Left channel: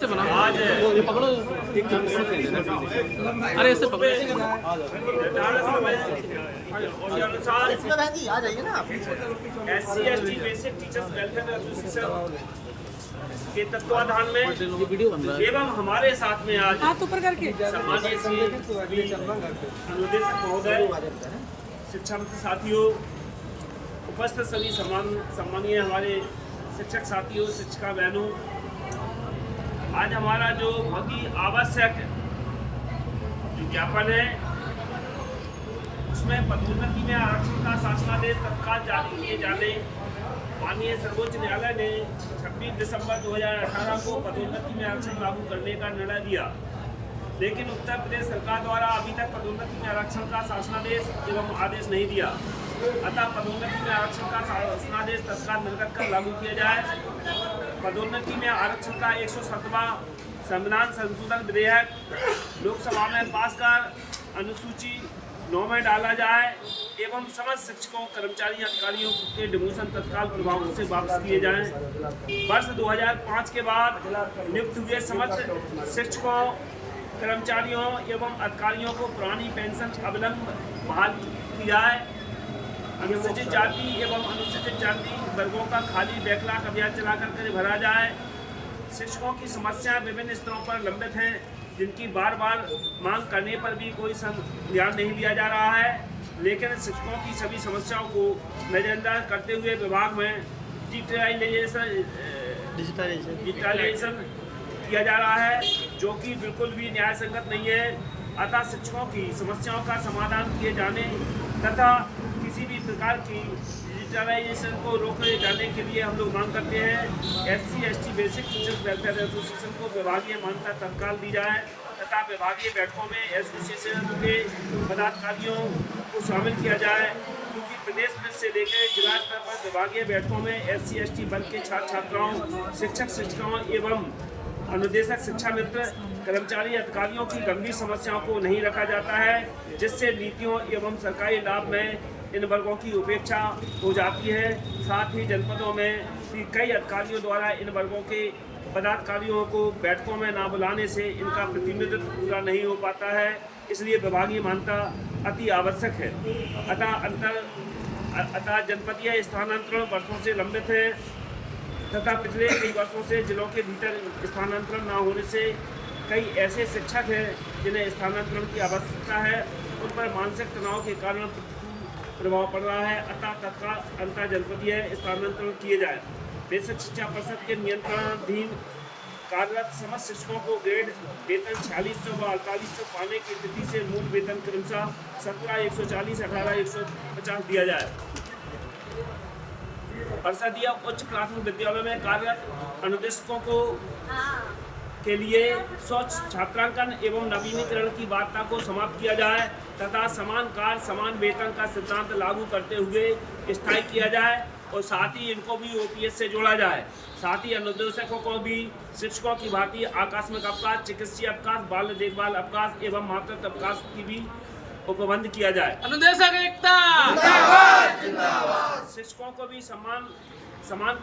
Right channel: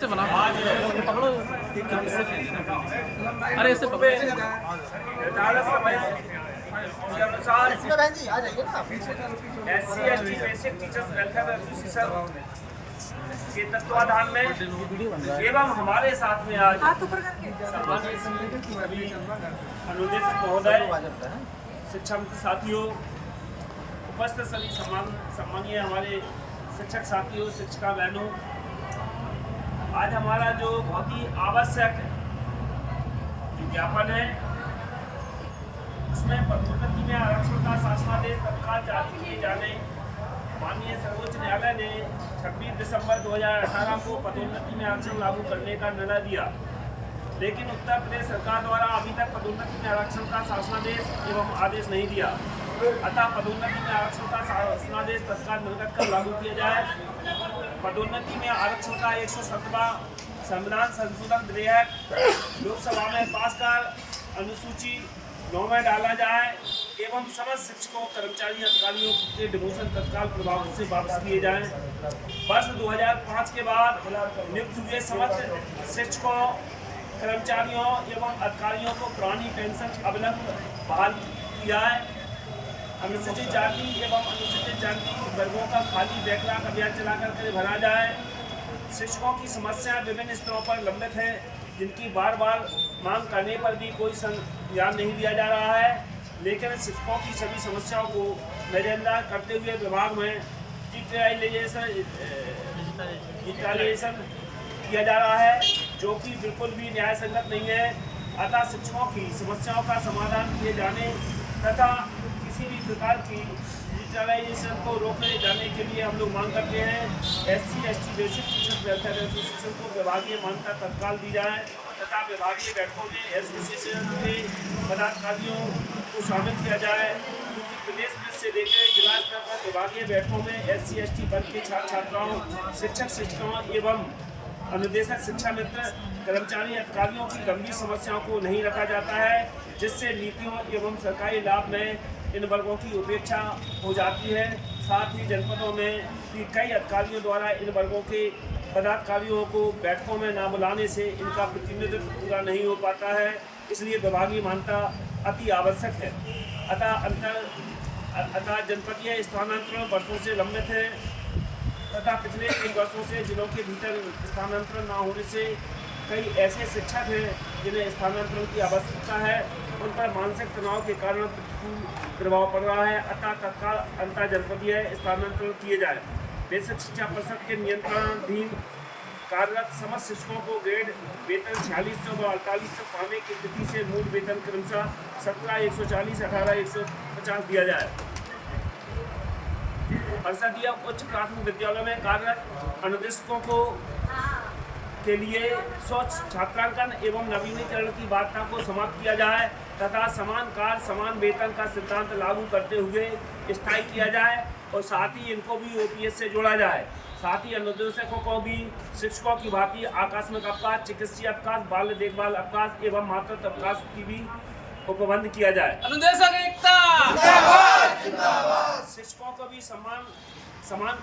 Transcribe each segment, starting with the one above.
से बना ये पकड़ो अरे इससे पकड़ो अनुसार आ जाइए ना SC ST basic teachers welfare association के तत्वाधान में एवं हमारे साथ में आज सम्मानीय श्री सभी अनुदेशक महोदय, शिक्षा मंत्री साथियों, उपस्थित सभी सम्मानीय हमारे शिक्षक साथियों, शिक्षिका बहनों, आज हमारा जो बहुत ही आवश्यक जो ज्ञापन है उसमें पदोन्नति में आरक्षण का शासनादेश तत्काल जारी किए जाने, माननीय सर्वोच्च न्यायालय ने 26 दिसंबर 2018 को पदोन्नति में आरक्षण लागू करने का निर्णय दिया, लेकिन उत्तर प्रदेश सरकार द्वारा अभी तक पदोन्नति में आरक्षण का शासनादेश एवं आदेश नहीं दिया। अतः पदोन्नति में आरक्षण का शासनादेश तत्काल निर्गत कर लागू किया जाए। पदोन्नति में आरक्षण का 107वां संविधान संशोधन विधेयक लोकसभा में पास कर अनुसूची 9 में डाला जाए एवं समस्त शिक्षकों, कर्मचारी, अधिकारियों के डिमोशन तत्काल प्रभाव से वापस किए जाएं। वर्ष 2005 के बाद नियुक्त हुए समस्त शिक्षकों, कर्मचारियों एवं अधिकारियों को पुरानी पेंशन अविलंब बहाल की जाए। अनुसूचित जाति एवं अनुसूचित जाति वर्गों का खाली बैकलॉग अभियान चलाकर भरा जाए। शिक्षकों की समस्याएं विभिन्न स्तरों पर लंबित हैं, जिनकी बार बार मांग करने पर भी कोई ध्यान नहीं दिया जा रहा है, लेकिन शिक्षकों की सभी समस्याओं को नजरअंदाज करते हुए विभाग में डिजिटलाइजेशन किया जा रहा है, जो कि बिल्कुल भी न्याय संगत नहीं है। अतः शिक्षकों की समस्याओं का समाधान किए जाने तथा किसी भी प्रकार की डिजिटलाइजेशन को रोके जाने के लिए हम लोग मांग करते हैं SC ST basic teachers welfare association को विभागीय मान्यता तत्काल दी जाए तथा विभागीय बैठकों में एसोसिएशन के पदाधिकारियों को शामिल किया जाए, क्योंकि प्रदेश में से लेकर जिला स्तर पर विभागीय बैठकों में SC ST वर्ग के छात्र छात्राओं, शिक्षक शिक्षिकाओं एवं अनुदेशक, शिक्षा मित्र, कर्मचारी, अधिकारियों की गंभीर समस्याओं को नहीं रखा जाता है, जिससे नीतियों एवं सरकारी लाभ में इन वर्गों की उपेक्षा हो जाती है। साथ ही जनपदों में कई अधिकारियों द्वारा इन वर्गों के पदाधिकारियों को बैठकों में ना बुलाने से इनका प्रतिनिधित्व पूरा नहीं हो पाता है, इसलिए विभागीय मान्यता अति आवश्यक है। अतः जनपदीय स्थानांतरण वर्षों से लंबित है तथा पिछले कई वर्षों से जिलों के भीतर स्थानांतरण न होने से कई ऐसे शिक्षक हैं जिन्हें स्थानांतरण की आवश्यकता है, उन पर मानसिक तनाव के कारण प्रतिकूल प्रभाव पड़ रहा है। अतः तत्काल अंतर जनपदीय स्थानांतरण किए जाए। बेसिक शिक्षा परिषद के नियंत्रणाधीन कार्यरत समस्त शिक्षकों को ग्रेड वेतन 4600 व 4800 पाने की स्थिति से मूल वेतन क्रमशः 17,140, 18,150 दिया जाए। परिषदीय उच्च प्राथमिक विद्यालयों में कार्यरत अनुदेशकों को के लिए स्वच्छ छात्रांकन एवं नवीनीकरण की बाध्यता को समाप्त किया जाए तथा समान कार्य समान वेतन का सिद्धांत लागू करते हुए स्थायी किया जाए और साथ ही इनको भी OPS से जोड़ा जाए। साथ ही अनुदेशकों को भी शिक्षकों की भांति आकस्मिक अवकाश, चिकित्सीय अवकाश, बाल देखभाल अवकाश एवं मातृत्व अवकाश की भी उपबंध किया जाए। अनुदेशक एकता, शिक्षकों को भी समान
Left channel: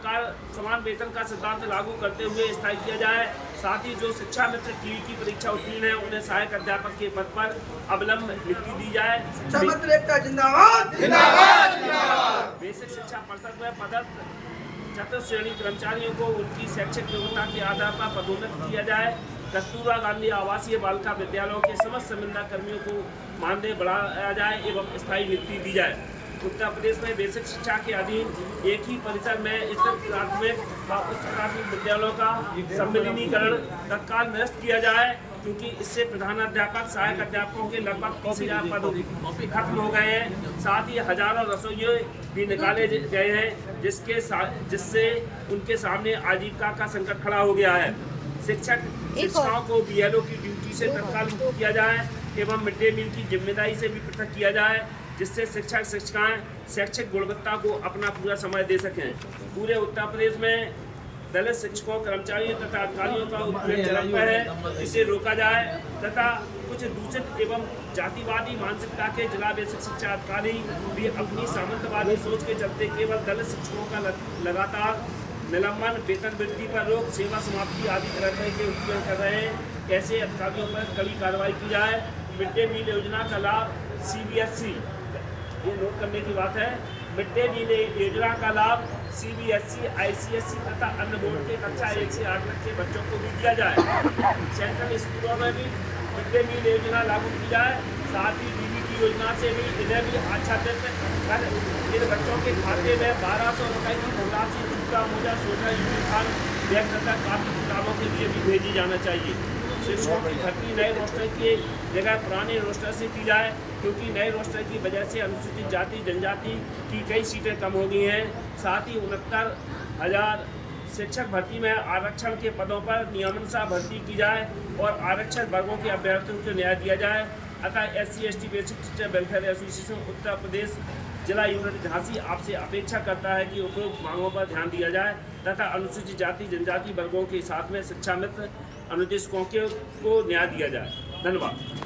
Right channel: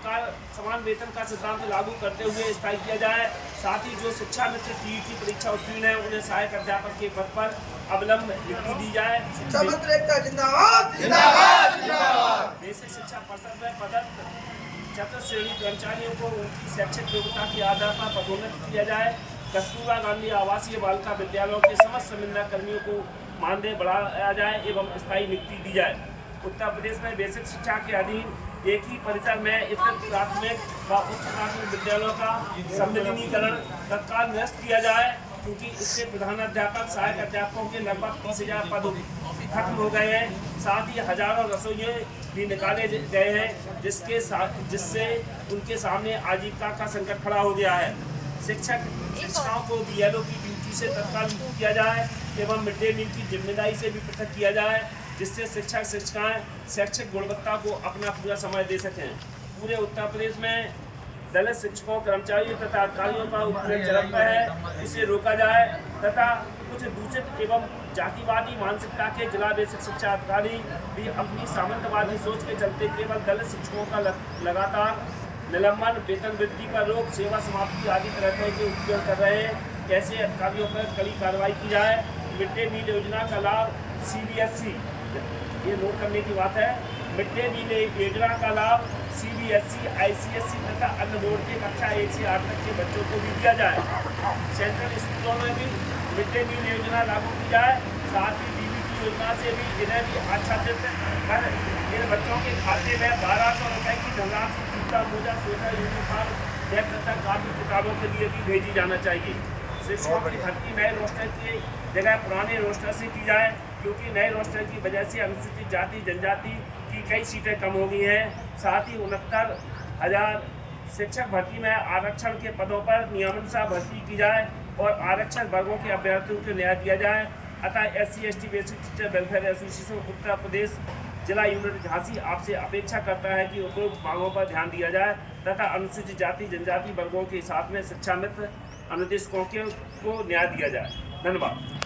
कार्य समान वेतन का सिद्धांत लागू करते हुए स्थायी किया जाए। साथ ही जो शिक्षा मित्र TET परीक्षा उत्तीर्ण है उन्हें सहायक अध्यापक के पद पर अविलंब नियुक्ति दी जाए। शिक्षा मंत्री एकता जिंदाबाद जिंदाबाद जिंदाबाद। बेसिक शिक्षा परिषद में पदस्थ चतुर्थ श्रेणी कर्मचारियों को उनकी शैक्षिक योग्यता के आधार पर पदोन्नत किया जाए। कस्तूरबा गांधी आवासीय बालिका विद्यालयों के समस्त संविदा कर्मियों को मानदेय बढ़ाया जाए एवं स्थायी नियुक्ति दी जाए। उत्तर प्रदेश में बेसिक शिक्षा के अधीन एक ही परिसर में स्थित प्राथमिक व उच्च प्राथमिक विद्यालयों का सम्मिलीनीकरण तत्काल निरस्त किया जाए, क्योंकि इससे प्रधानाध्यापक, सहायक अध्यापकों के लगभग 30,000 पद खत्म हो गए हैं। साथ ही हजारों रसोइये भी निकाले गए हैं, जिससे उनके सामने आजीविका का संकट खड़ा हो गया है। शिक्षकों को BLO की ड्यूटी से तत्काल मुक्त किया जाए एवं मिड डे मील की जिम्मेदारी से भी पृथक किया जाए, जिससे शिक्षक शिक्षिकाएं शैक्षिक गुणवत्ता को अपना पूरा समय दे सकें। पूरे उत्तर प्रदेश में दलित शिक्षकों, कर्मचारियों तथा अधिकारियों का उत्पीड़न चलता है, इसे रोका जाए तथा कुछ दूषित एवं जातिवादी मानसिकता के जिला बेसिक शिक्षा अधिकारी भी अपनी सामंतवादी सोच के चलते केवल दलित शिक्षकों का लगातार निलंबन, वेतन वृद्धि पर रोक, सेवा समाप्ति आदि तरह के उत्पीड़न कर रहे हैं ऐसे अधिकारियों पर कड़ी कार्रवाई की जाए। मिड डे मील योजना का लाभ CBSE, ये नोट करने की बात है, मिड डे मील योजना का लाभ CBSE, ICSE तथा अन्य बोर्ड के कक्षा 1 से 8 तक के बच्चों को भी दिया जाए। सेंट्रल स्कूलों में भी मिड डे मील योजना लागू की जाए। साथ ही DBT योजना से भी इन्हें भी आच्छादित कर इन बच्चों के खाते में 1200 रुपये की धनराशि जूता, मोजा, स्वेटर, यूनिफॉर्म, बैग तथा कापी किताबों के लिए भी भेजी जाना चाहिए। शिक्षकों की भर्ती नए रोस्टर की जगह पुराने रोस्टर से की जाए, क्योंकि नए रोस्टर की वजह से अनुसूचित जाति जनजाति की कई सीटें कम हो गई हैं। साथ ही 69,000 शिक्षक भर्ती में आरक्षण के पदों पर नियमानुसार भर्ती की जाए और आरक्षित वर्गों के अभ्यर्थियों को न्याय दिया जाए। अतः SC/ST basic teacher welfare association Uttar Pradesh जिला यूनिट झांसी आपसे अपेक्षा करता है कि उपयुक्त मांगों पर ध्यान दिया जाए तथा अनुसूचित जाति जनजाति वर्गों के साथ में शिक्षा मित्र अनुदेशकों को न्याय दिया जाए। धन्यवाद।